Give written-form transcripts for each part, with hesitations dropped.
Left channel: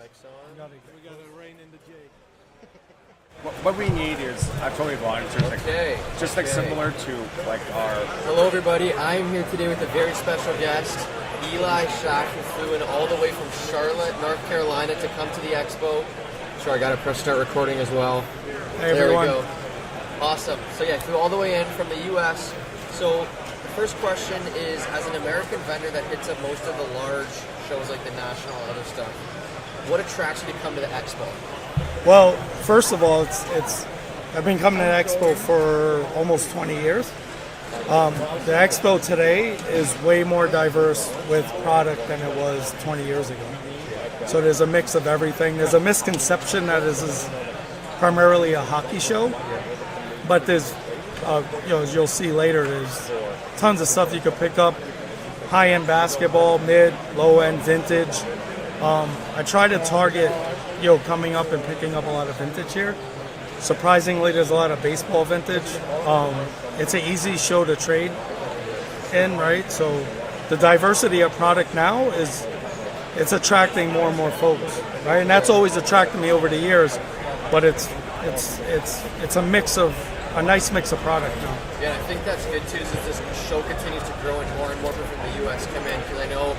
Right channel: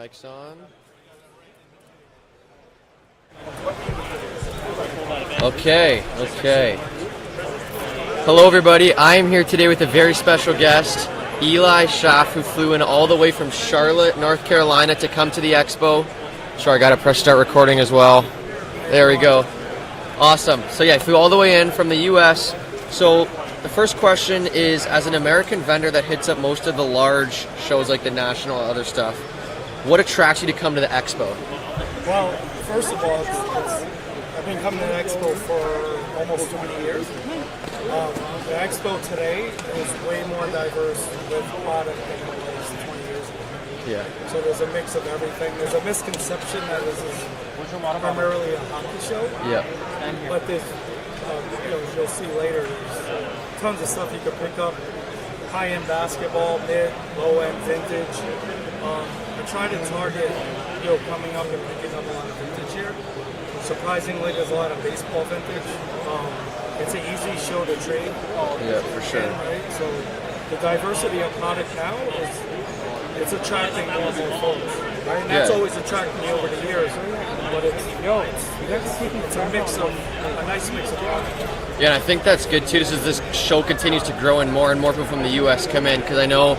Mic's on. What we need is Okay. just Okay. like similar to Hello, everybody. I am here today with a very special guest, Eli Schaff, who flew in all the way from Charlotte, North Carolina, to come to the expo. Sure, I got to press start recording as well. There we go. Awesome. So yeah, I flew all the way in from the U.S. So the first question is, as an American vendor that hits up most of the large shows like the National and other stuff, what attracts you to come to the expo? Well, first of all, it's I've been coming to the expo for almost 20 years. The expo today is way more diverse with product than it was 20 years ago. Yeah. So there's a mix of everything. There's a misconception that this is primarily a hockey show, Yeah. but there's, as you'll see later, there's tons of stuff you could pick up. High-end basketball, mid, low-end, vintage. I try to target, coming up and picking up a lot of vintage here. Surprisingly, there's a lot of baseball vintage. It's an easy show to trade in, right? So the diversity of product now it's attracting more and more folks, right? And that's always attracted me over the years. But it's a nice mix of product. Yeah, and I think that's good too. As this show continues to grow and more people from the U.S. come in, because I know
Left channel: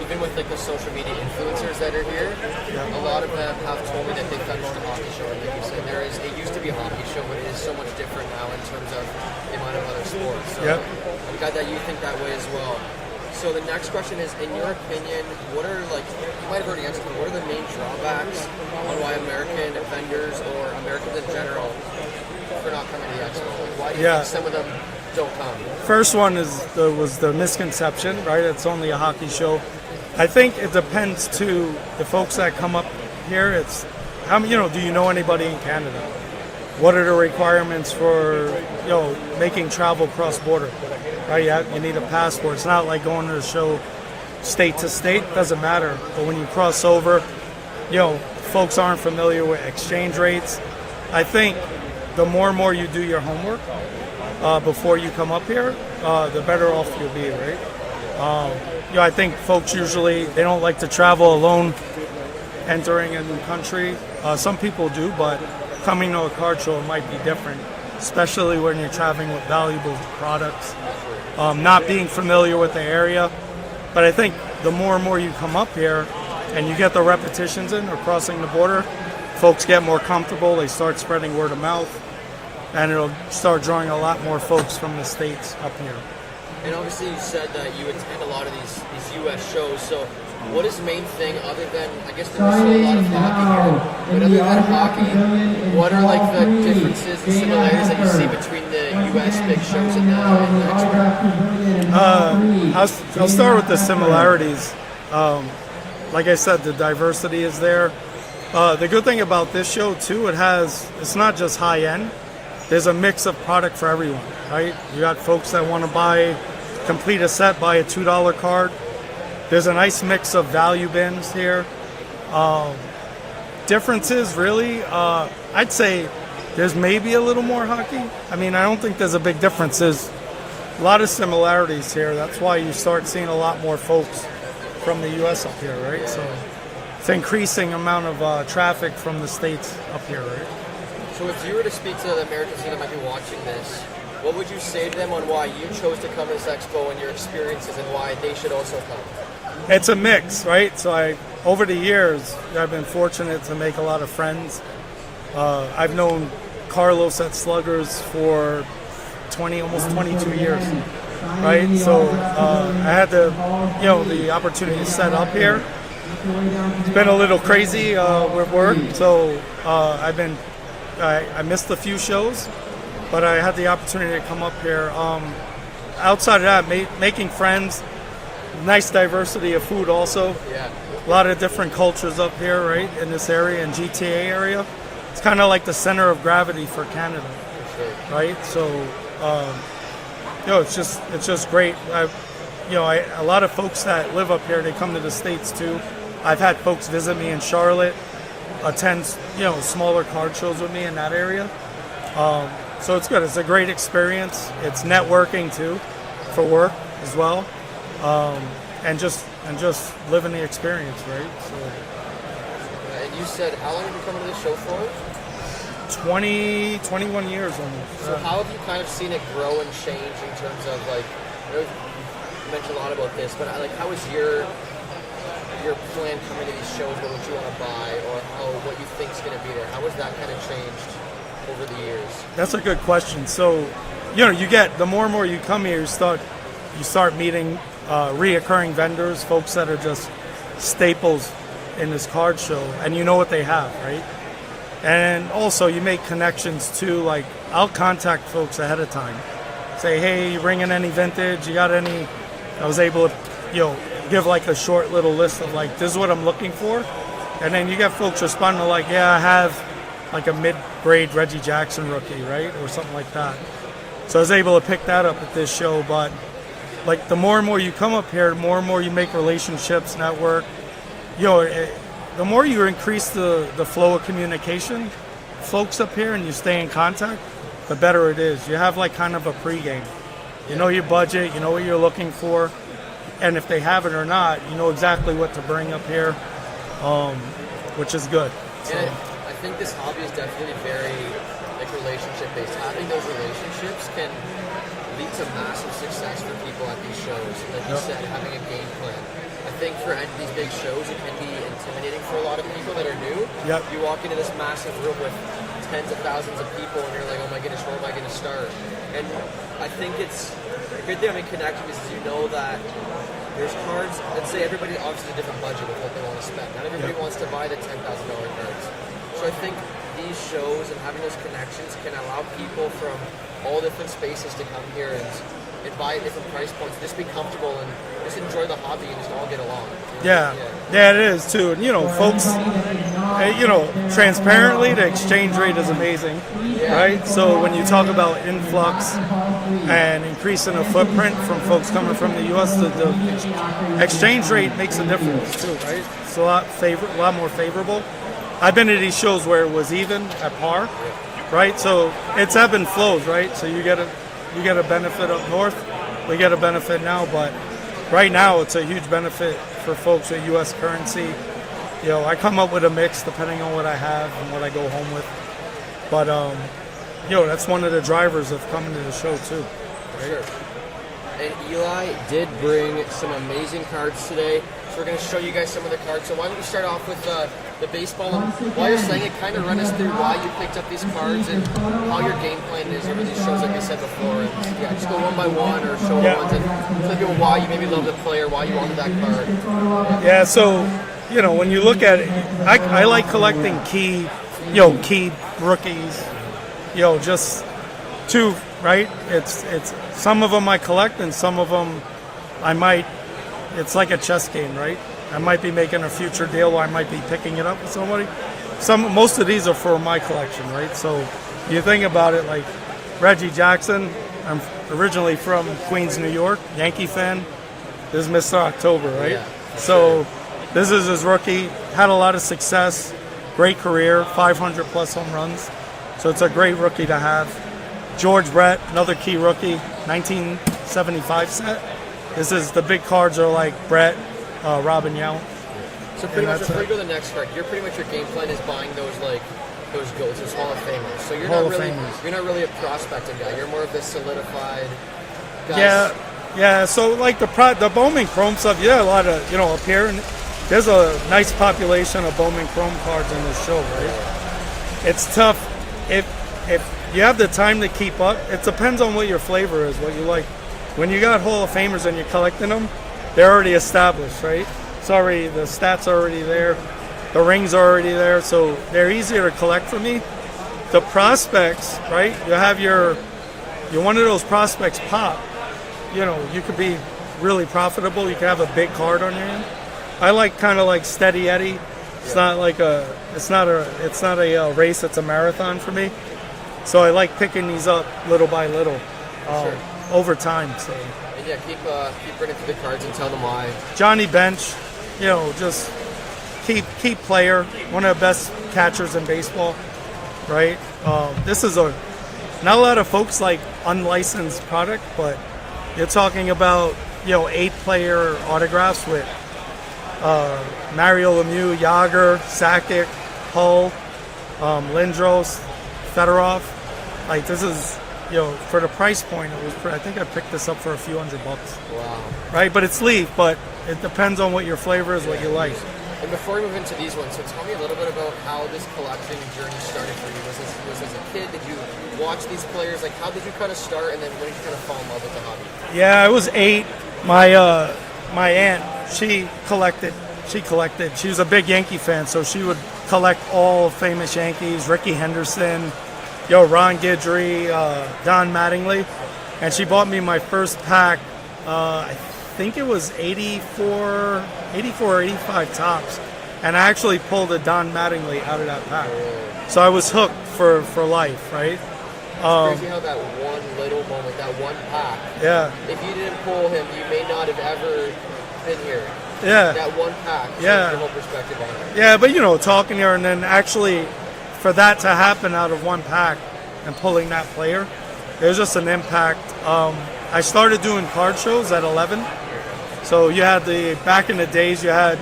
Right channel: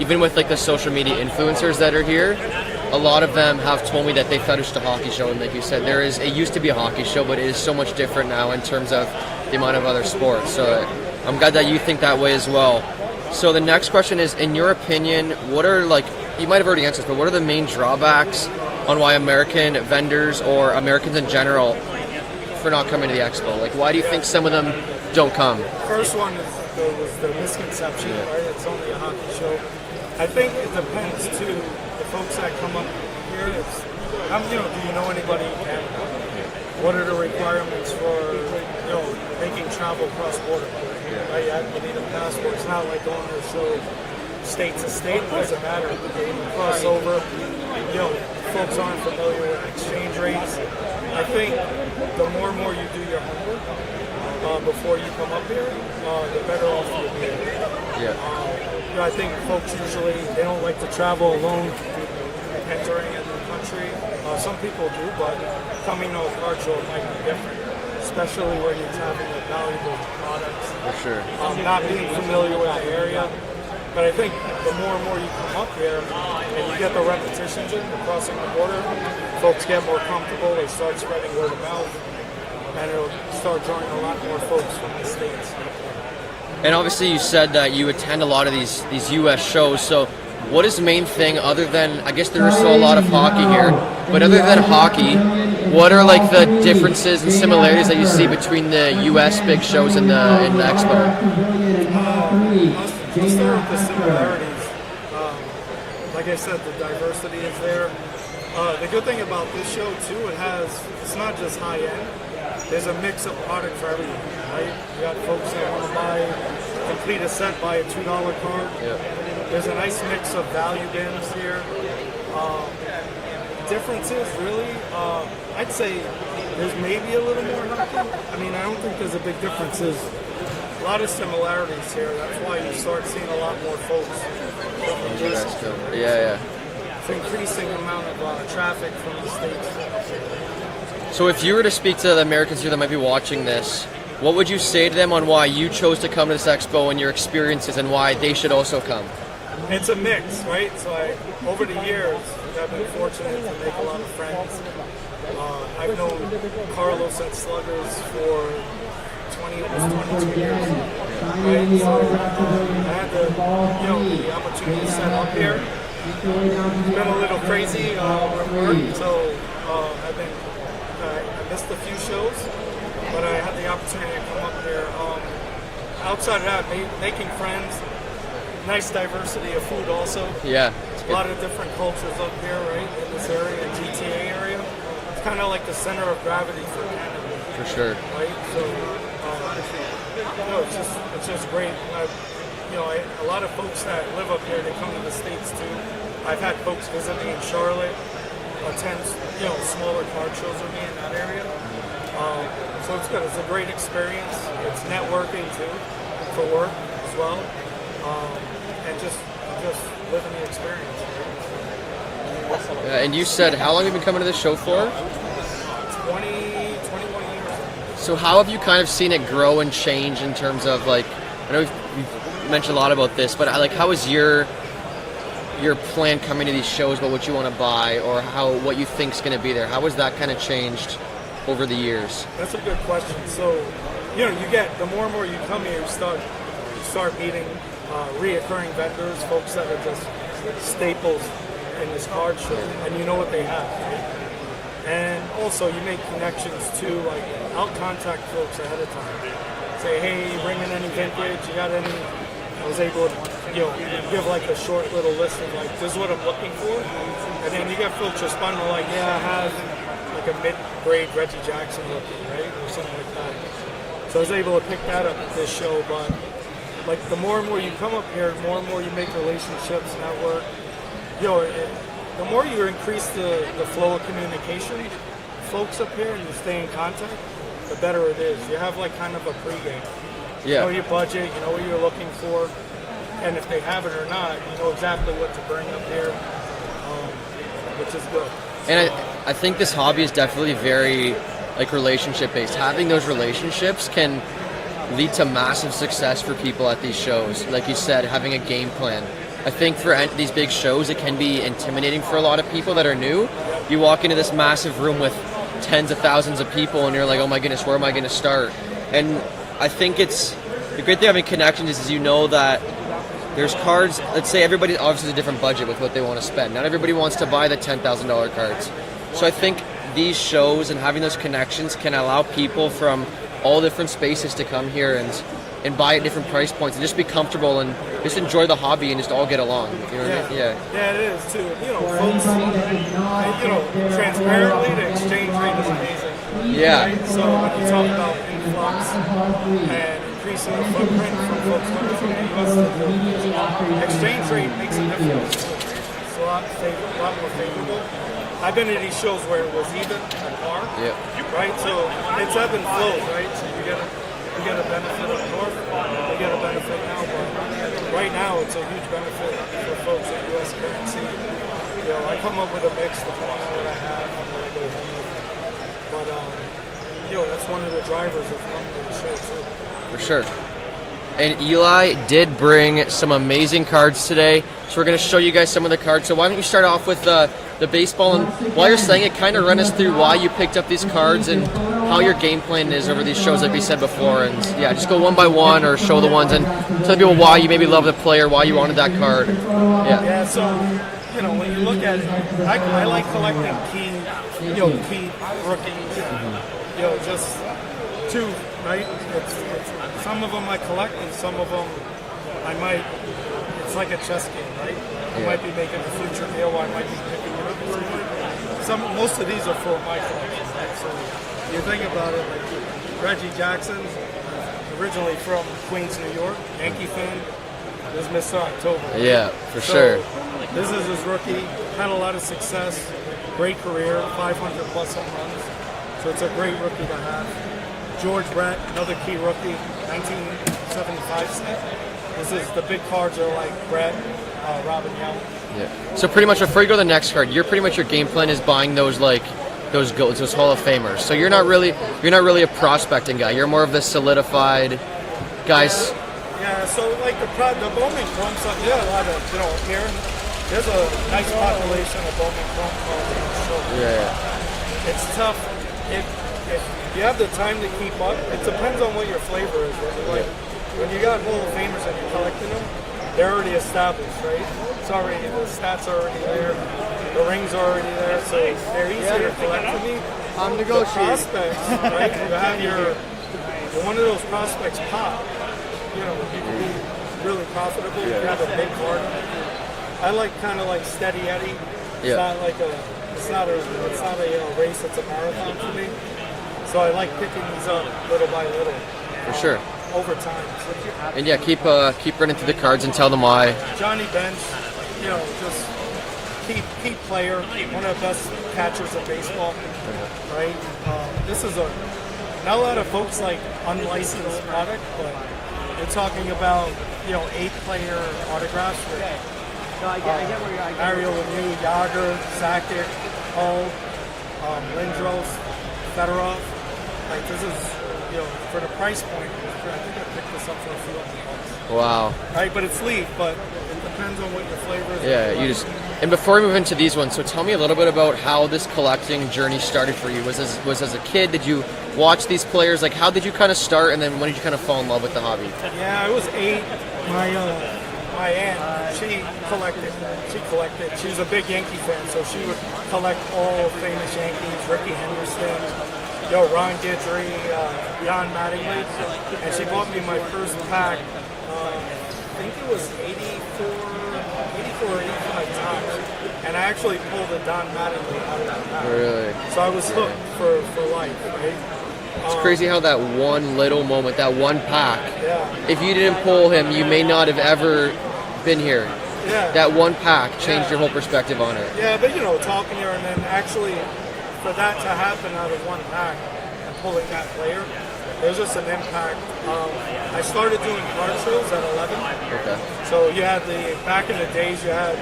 even with like the social media influencers that are here, a lot of them have told me that they thought it was just a hockey show. And like you said, it used to be a hockey show, but it is so much different now in terms of the amount of other sports. So I'm glad that you think that way as well. So the next question is, in your opinion, what are, like, you might have already answered, but what are the main drawbacks on why American vendors or Americans in general for not coming to the expo? Like, why do you think some of them don't come? First one was the misconception, right? It's only a hockey show. I think it depends to the folks that come up here. It's, do you know anybody in Canada? What are the requirements for, making travel cross-border? Right? You need a passport. It's not like going to a show state to state. It doesn't matter. But when you cross over, folks aren't familiar with exchange rates. I think the more and more you do your homework before you come up here, the better off you'll be, right? I think folks usually, they don't like to travel alone entering a new country. Some people do, but coming to a card show might be different, especially when you're traveling with valuable products. For sure. Not being familiar with the area. But I think the more and more you come up here and you get the repetitions in or crossing the border, folks get more comfortable, they start spreading word of mouth, and it'll start drawing a lot more folks from the States up here. And obviously you said that you attend a lot of these U.S. shows, so what is the main thing other than, I guess there's still a lot of hockey here, but other than hockey, what are like the differences and similarities that you see between the U.S. big shows and the expo? I'll start with the similarities. Like I said, the diversity is there. The good thing about this show too, it's not just high end. There's a mix of product for everyone, right? You got folks that want to complete a set, buy a $2 card. There's a nice mix of value bins here. Differences, really, I'd say there's maybe a little more hockey. I mean, I don't think there's a big difference. There's a lot of similarities here. That's why you start seeing a lot more folks from the U.S. up here, right? It's increasing amount of traffic from the States up here, right? So if you were to speak to the Americans here that might be watching this, what would you say to them on why you chose to come to this expo and your experiences and why they should also come? It's a mix, right? So over the years, I've been fortunate to make a lot of friends. I've known Carlos at Sluggers for almost 22 years, right? So I had the opportunity to set up here. It's been a little crazy with work, so I missed a few shows, but I had the opportunity to come up here. Outside of that, making friends, nice diversity of food also. Yeah. A lot of different cultures up here, right, in this area, in GTA area. It's kind of like the center of gravity for Canada. For sure. Right? So, it's just great. A lot of folks that live up here, they come to the States too. I've had folks visit me in Charlotte, attend, smaller card shows with me in that area. So it's good. It's a great experience. It's networking too, for work as well. And just living the experience, right? So. And you said, how long have you been coming to this show for? 21 years. So how have you kind of seen it grow and change in terms of like, I know you've mentioned a lot about this, but like how is your plan coming to these shows about what you want to buy or what you think is going to be there? How has that kind of changed over the years? That's a good question. So, you get the more and more you come here, you start meeting reoccurring vendors, folks that are just staples in this card show, and you know what they have, right? And also you make connections too. Like I'll contact folks ahead of time, say, hey, you bringing any vintage? You got any? I was able to, give like a short little list of like, this is what I'm looking for, and then you get folks responding like, yeah, I have like a mid-grade Reggie Jackson rookie, right, or something like that. So I was able to pick that up at this show. But like the more and more you come up here, the more and more you make relationships, network. The more you increase the flow of communication, folks up here, and you stay in contact, the better it is. You have like kind of a pregame. You know your budget, you know what you're looking for, and if they have it or not, you know exactly what to bring up here, which is good. And I think this hobby is definitely very like relationship based. Having those relationships can lead to massive success for people at these shows. Like you said, having a game plan. I think for these big shows, it can be intimidating for a lot of people that are new. Yep. You walk into this massive room with tens of thousands of people, and you're like, oh my goodness, where am I going to start? And I think it's the great thing having connections is you know that there's cards. Let's say everybody obviously has a different budget with what they want to spend. Not everybody wants to buy the $10,000 cards. So I think these shows and having those connections can allow people from all different spaces to come here and buy at different price points and just be comfortable and just enjoy the hobby and just all get along. You know what I mean? Yeah, it is too. And folks, transparently, the exchange rate is amazing. Yeah. Right. So when you talk about influx and increasing the footprint from folks coming from the U.S., the exchange rate makes a difference too. Right. It's a lot more favorable. I've been to these shows where it was even at par. Yeah. Right. So it's ebb and flows. Right. So you get a benefit up north. We get a benefit now, but right now it's a huge benefit for folks at U.S. currency. I come up with a mix depending on what I have and what I go home with. But that's one of the drivers of coming to the show too. For sure. And Eli did bring some amazing cards today, so we're going to show you guys some of the cards. So why don't you start off with the baseball, and while you're saying it, kind of run us through why you picked up these cards and how your game plan is over these shows like we said before. And yeah, just go one by one or show the ones and tell people why you maybe love the player, why you wanted that card. Yeah, so when you look at it, I like collecting key rookies, just two, right? It's some of them I collect and some of them I might, it's like a chess game, right? I might be making a future deal where I might be picking it up with somebody. Most of these are for my collection, right? So you think about it, like Reggie Jackson, I'm originally from Queens, New York, Yankee fan. This is Mr. October, right? Yeah, for sure. This is his rookie, had a lot of success, great career, 500 plus home runs. So it's a great rookie to have. George Brett, another key rookie, 1975 set. The big cards are like Brett, Robin Yount. Yeah. So pretty much before you go to the next card, your game plan is buying those GOATs, those Hall of Famers. So you're not really a prospecting guy. You're more of the solidified guys. Yeah. So like the Bowman Chrome stuff, a lot of up here, and there's a nice population of Bowman Chrome cards on the show. Yeah. It's tough if you have the time to keep up. It depends on what your flavor is, what you like. When you got Hall of Famers and you're collecting them, they're already established, right? The stats are already there, the rings are already there, so they're easier to collect for me. The prospects, right? You're one of those prospects pop. You could be really profitable. You could have a big card on there. I like kind of like Steady Eddie. It's not a race. It's a marathon for me. So I like picking these up little by little. For sure. Over time. So. And keep running through the cards and tell them why. Johnny Bench, just key player, one of the best catchers in baseball, right? This is not a lot of folks like unlicensed product, but you're talking about 8 player autographs with Mario Lemieux, Yager, Sakic, Hull, Lindros, Fedorov. Like this is, for the price point, I think I picked this up for a few $100. Wow. Right, but it's leaf, but it depends on what your flavor is. Yeah, what you like. and before we move into these ones, so tell me a little bit about how this collecting journey started for you. Was as a kid? Did you watch these players? Like, how did you kind of start, and then when did you kind of fall in love with the hobby? Yeah, I was 8. My aunt, she collected. She was a big Yankee fan, so she would collect all famous Yankees, Ricky Henderson, Ron Guidry, Don Mattingly, and she bought me my first pack. I think it was 84 or 85 tops, and I actually pulled a Don Mattingly out of that pack. Really? So I was hooked for life, right? It's crazy how that one little moment, that one pack, Yeah. if you didn't pull him, you may not have ever been here. Yeah. That one pack changed Yeah. your whole perspective on it. Yeah, but talking here and then actually for that to happen out of one pack and pulling that player, it was just an impact. I started doing card shows at 11. Okay. So you had back in the days, you had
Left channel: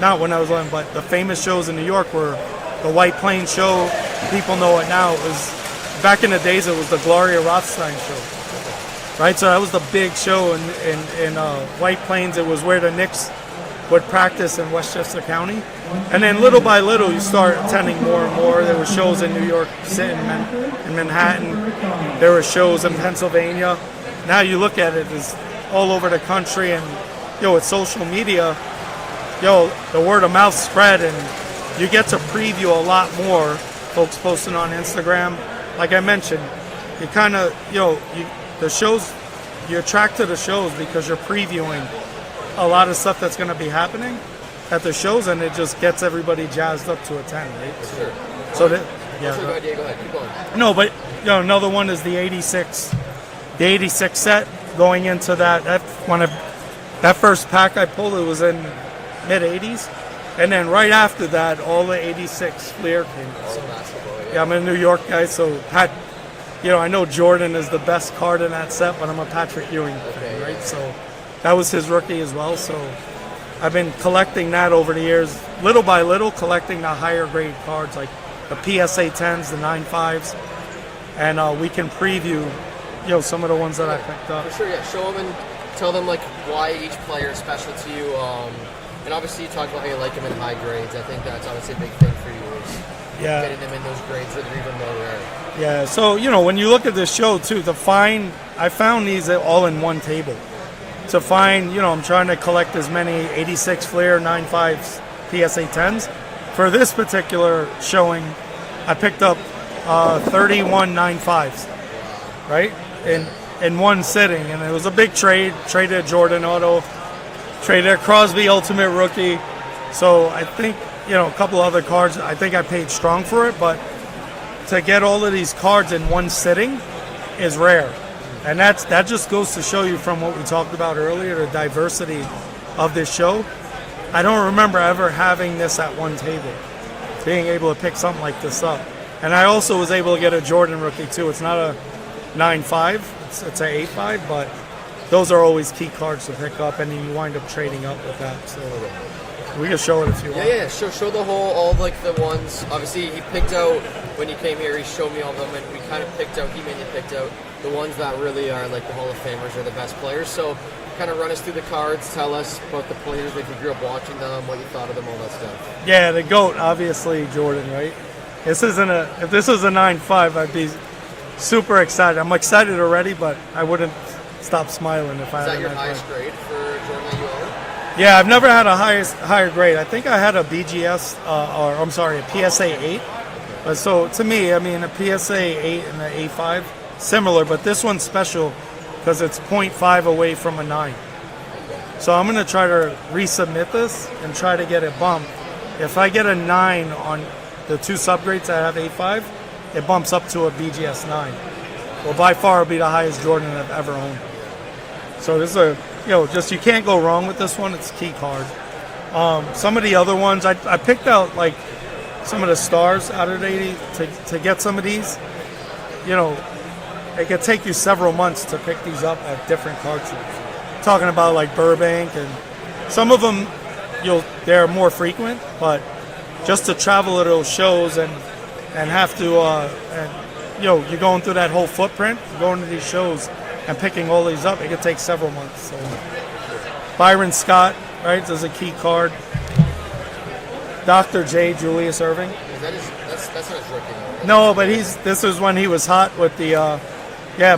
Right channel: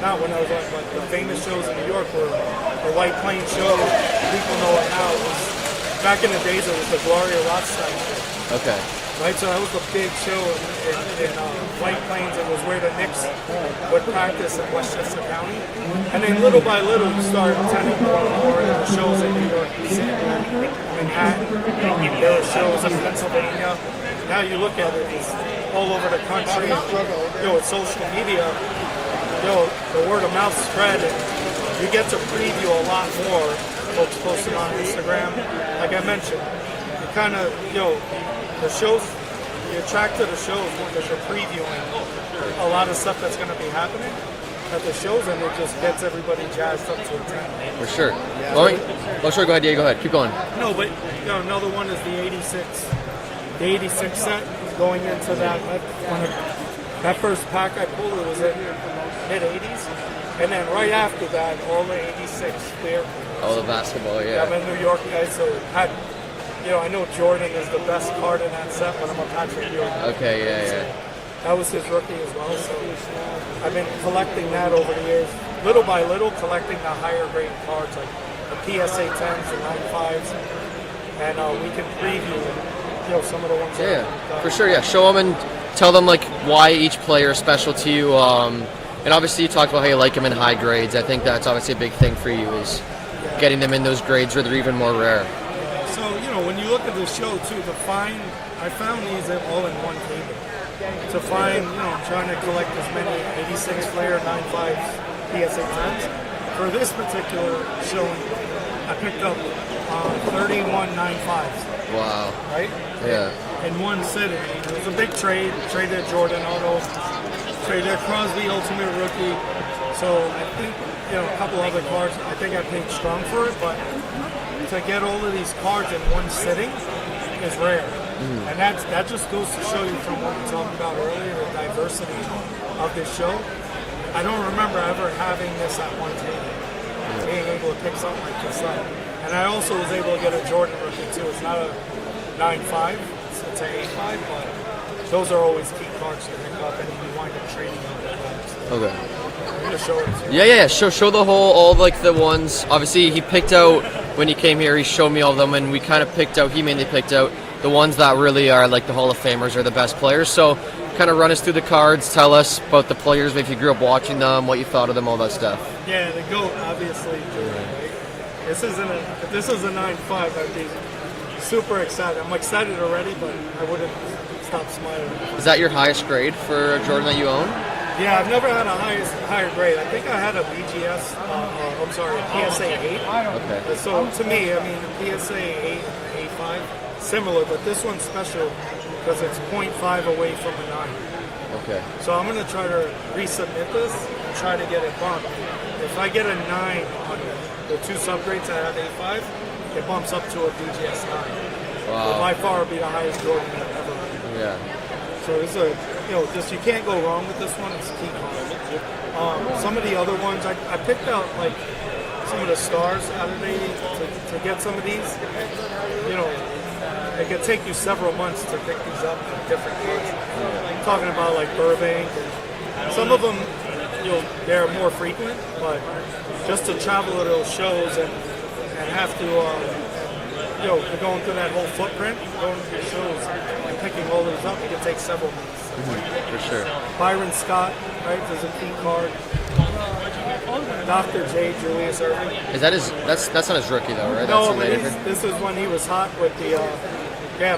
not when I was on, but the famous shows in New York were the White Plains show. People know it now. It was, back in the days, it was the Gloria Rothstein show. Okay. Right, so that was the big show in White Plains. It was where the Knicks would practice in Westchester County. And then little by little, you start attending more and more. There were shows in New York City, in Manhattan. There were shows in Pennsylvania. Now you look at it, it's all over the country. And, with social media, the word of mouth spread, and you get to preview a lot more. Folks posting on Instagram. Like I mentioned, you kind of, the shows, you attract to the shows because you're previewing a lot of stuff that's going to be happening at the shows, and it just gets everybody jazzed up to attend. For sure. So Sure, go ahead, Diego, go ahead. Keep going. No, but another one is the 86 set going into that first pack I pulled, it was in mid 80s, and then right after that, all the 86 Fleer came. All the basketball, yeah. I'm a New York guy, so I know Jordan is the best card in that set, but I'm a Patrick Ewing. Okay, yeah. So that was his rookie as well. So I've been collecting that over the years, little by little, collecting the higher grade cards like the PSA 10s, the 95s, and we can preview, some of the ones that I picked up. For sure, yeah. Show them and tell them like why each player is special to you. And obviously, you talked about how you like them in high grades. I think that's obviously a big thing for you is getting them in those grades where they're even more rare. Yeah, so, when you look at this show, too, I found these all in one table. To find, I'm trying to collect as many 86 Fleer 95s PSA 10s. For this particular showing, I picked up 31 95s. Wow. Right? Yeah. In one sitting. And it was a big trade. Traded Jordan Auto, traded Crosby Ultimate Rookie. So I think, a couple other cards, I think I paid strong for it, but to get all of these cards in one sitting is rare. And that just goes to show you from what we talked about earlier, the diversity of this show. I don't remember ever having this at one table, being able to pick something like this up. And I also was able to get a Jordan rookie too. It's not a 9.5, it's an 8.5, but those are always key cards to pick up, and you wind up trading up with that. So Okay. we can show it if you want. Yeah. Show the all like the ones. Obviously, he picked out when he came here. He showed me all of them, and we kind of picked out. He mainly picked out the ones that really are like the Hall of Famers or the best players. So, kind of run us through the cards. Tell us about the players, if you grew up watching them, what you thought of them, all that stuff. Yeah, the GOAT, obviously Jordan, right? If this was a 9.5, I'd be super excited. I'm excited already, but I wouldn't stop smiling if I. Is that your highest grade for Jordan that you own? Yeah, I've never had a higher grade. I think I had a BGS, a PSA 8. Okay. So to me, a PSA 8 and an A5, similar, but this one's special because it's 0.5 away from a 9. Okay. So I'm going to try to resubmit this and try to get it bumped. If I get a 9 on the two subgrades I have A5, it bumps up to a BGS 9. Wow. Well, by far, it'll be the highest Jordan I've ever owned. Yeah. So this is just you can't go wrong with this one. It's a key card. Some of the other ones, I picked out like some of the stars out of the 80 to get some of these. It could take you several months to pick these up at different cards. Talking about like Burbank, and some of them they're more frequent, but just to travel to those shows and have to you're going through that whole footprint, going to these shows and picking all these up. It could take several months. So. For sure. Byron Scott, right? There's a key card. Dr. J. Julius Irving. Is that that's not his rookie though, right? No, That's but this is when he was hot with the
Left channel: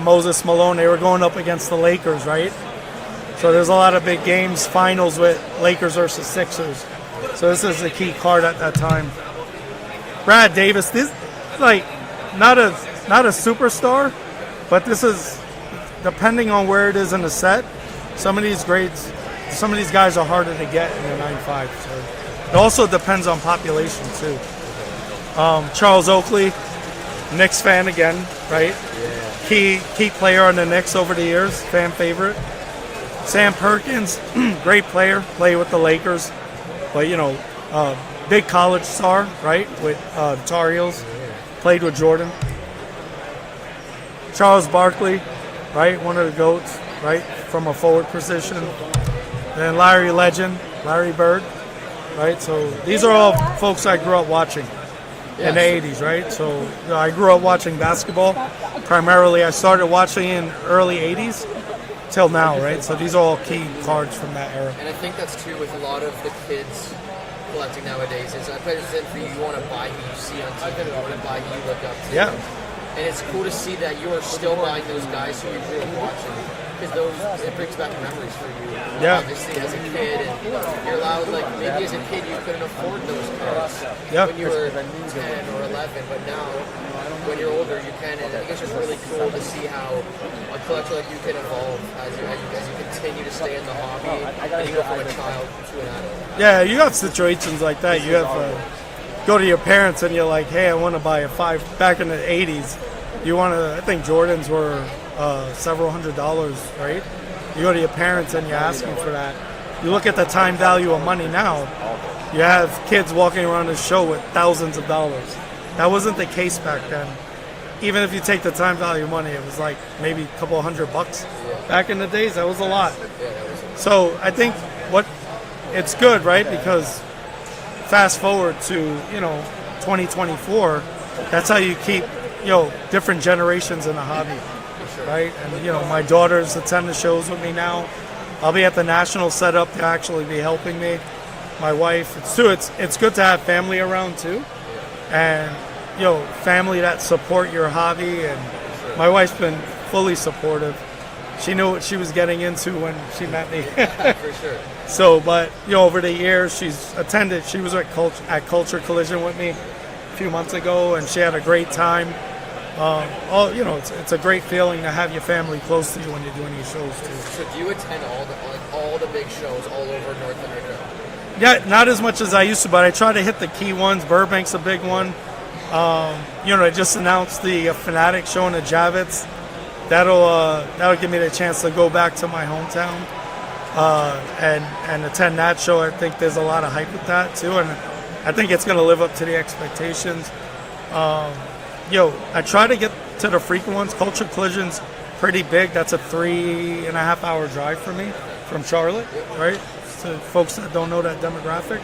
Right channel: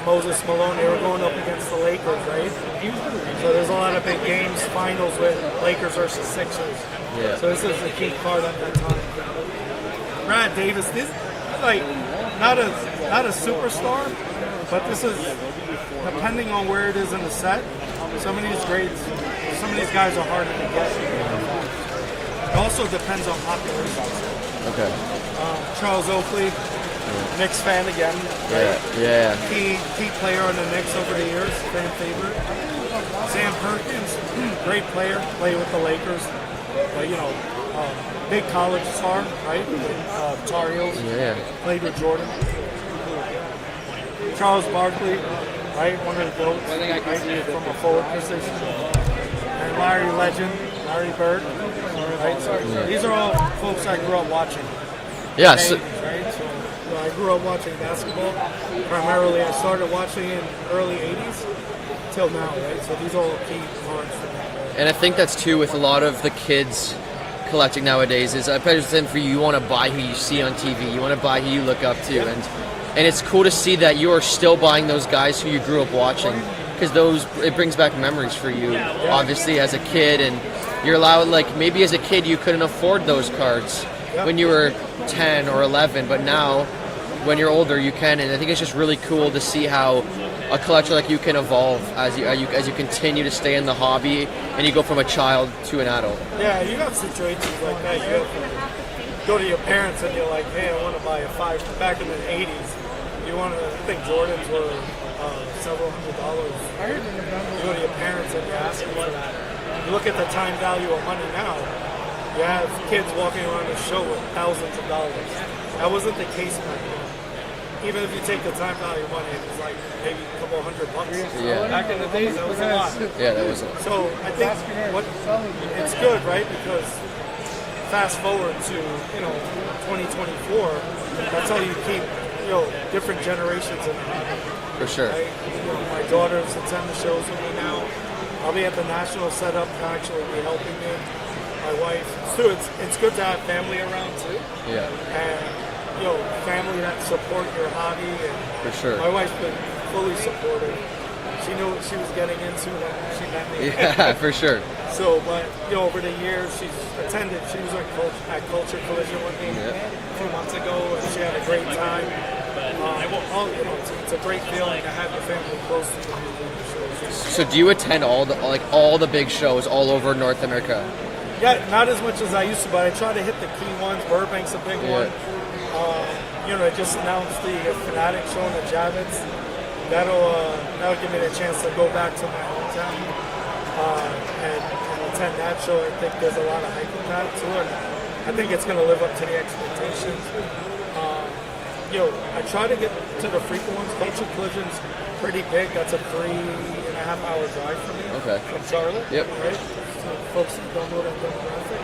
Moses Malone. They were going up against the Lakers, right? So there's a lot of big games, finals with Lakers versus Sixers. Yeah. So this is a key card at that time. Brad Davis, this like not a superstar, but this is depending on where it is in the set. Some of these guys are harder to get in the 9-5. So. It also depends on population too. Okay. Charles Oakley, Knicks fan again, right? Yeah. Key player on the Knicks over the years, fan favorite. Sam Perkins, great player, played with the Lakers, but big college star, right? With Tar Heels, played with Jordan. Charles Barkley, right? One of the GOATs, right? From a forward position. And Larry Legend, Larry Bird. Right, so these are all folks I grew up watching in the 80s, right? So I grew up watching basketball. Primarily, I started watching in early 80s till now, right? So these are all key cards from that era. And I think that's too with a lot of the kids collecting nowadays is I bet for you want to buy who you see on TV, you want to buy who you look up to, Yeah. and it's cool to see that you are still buying those guys who you grew up watching. Because it brings back memories for you, obviously, as a kid, and you're allowed, like, maybe as a kid you couldn't afford those cards when you were 10 or 11, but now, when you're older, you can, and I think it's just really cool to see how a collector like you can evolve as you continue to stay in the hobby, and you go from a child to an adult. Yeah, you got situations like that. You have go to your parents and you're like, hey, I want to buy a 5. Back in the 80s, I think Jordans were several $100s, right? You go to your parents and you're asking for that. You look at the time value of money now, you have kids walking around the show with thousands of dollars. That wasn't the case back then. Even if you take the time value of money, it was like maybe a couple $100. Yeah. Back in the days, that was a lot. Yeah, that was it. So I think it's good, right? Because fast forward to 2024, that's how you keep different generations in the hobby. For sure. Right? And, my daughters attend the shows with me now. I'll be at the national setup to actually be helping me. My wife, it's good to have family around too. Yeah. And, family that support your hobby. And for sure. My wife's been fully supportive. She knew what she was getting into when she met me. Yeah, for sure. So, but, over the years, she was at Culture Collision with me a few months ago, and she had a great time. It's a great feeling to have your family close to you when you're doing your shows too. So do you attend all the big shows all over North America? Yeah, not as much as I used to, but I try to hit the key ones. Burbank's a big one. I just announced the Fanatic show in the Javits. That'll give me the chance to go back to my hometown and attend that show. I think there's a lot of hype with that too, and I think it's going to live up to the expectations. I try to get to the frequent ones. Culture Collision's pretty big. That's a 3.5 hour drive for me from Charlotte. Yep. Right? So folks that don't know that demographic.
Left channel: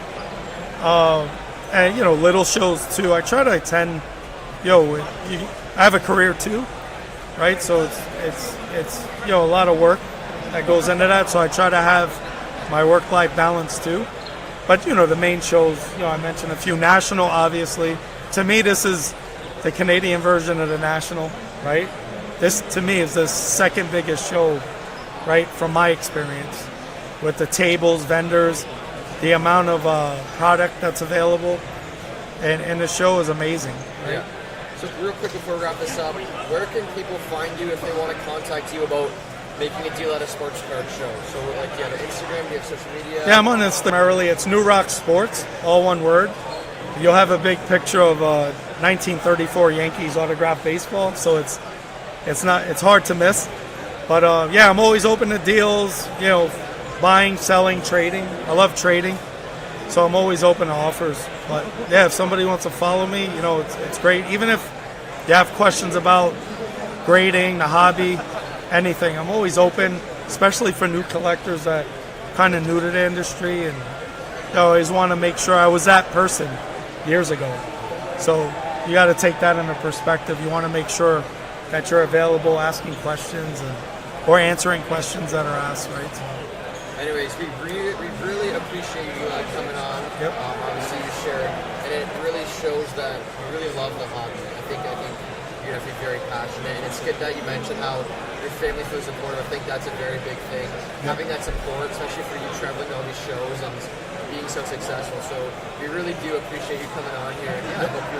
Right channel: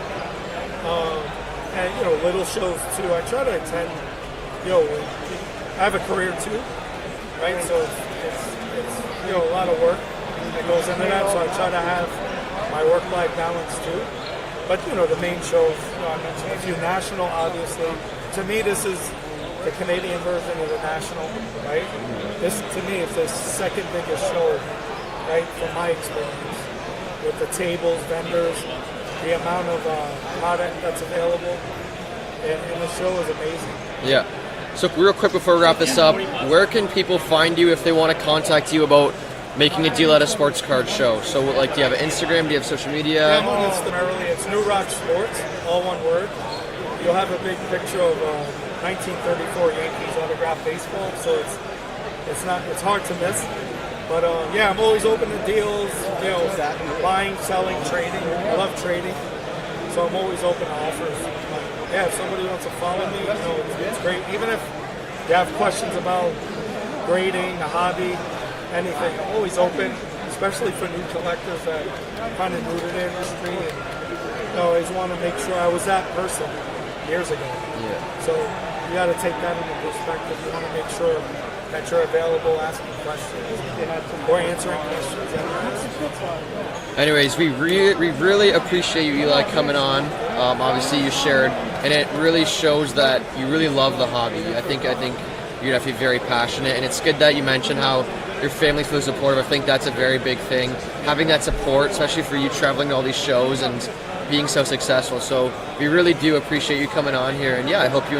And little shows too. I try to attend. I have a career too, right? So it's a lot of work that goes into that. So I try to have my work-life balance too. But the main shows. I mentioned a few national, obviously. To me, this is the Canadian version of the National, right? This, to me, is the second biggest show, right, from my experience. With the tables, vendors, the amount of product that's available, and the show is amazing. Yeah. So real quick before we wrap this up, where can people find you if they want to contact you about making a deal at a sports card show? So, do you have an Instagram? Do you have social media? Yeah, I'm on Instagram. It's New Rock Sports, all one word. You'll have a big picture of 1934 Yankees autographed baseball, so it's hard to miss. But I'm always open to deals, buying, selling, trading. I love trading, so I'm always open to offers. But if somebody wants to follow me, it's great. Even if you have questions about grading, the hobby, anything, I'm always open, especially for new collectors that kind of new to the industry and I always want to make sure I was that person years ago. So you got to take that into perspective. You want to make sure that you're available, asking questions or answering questions that are asked. Right? Anyways, we really appreciate you, Eli, coming on. Obviously, you shared, and it really shows that you really love the hobby. I think you're definitely very passionate, and it's good that you mentioned how your family feels supportive. I think that's a very big thing. Having that support, especially for you traveling to all these shows and being so successful. So we really do appreciate you coming on here, and yeah, I hope you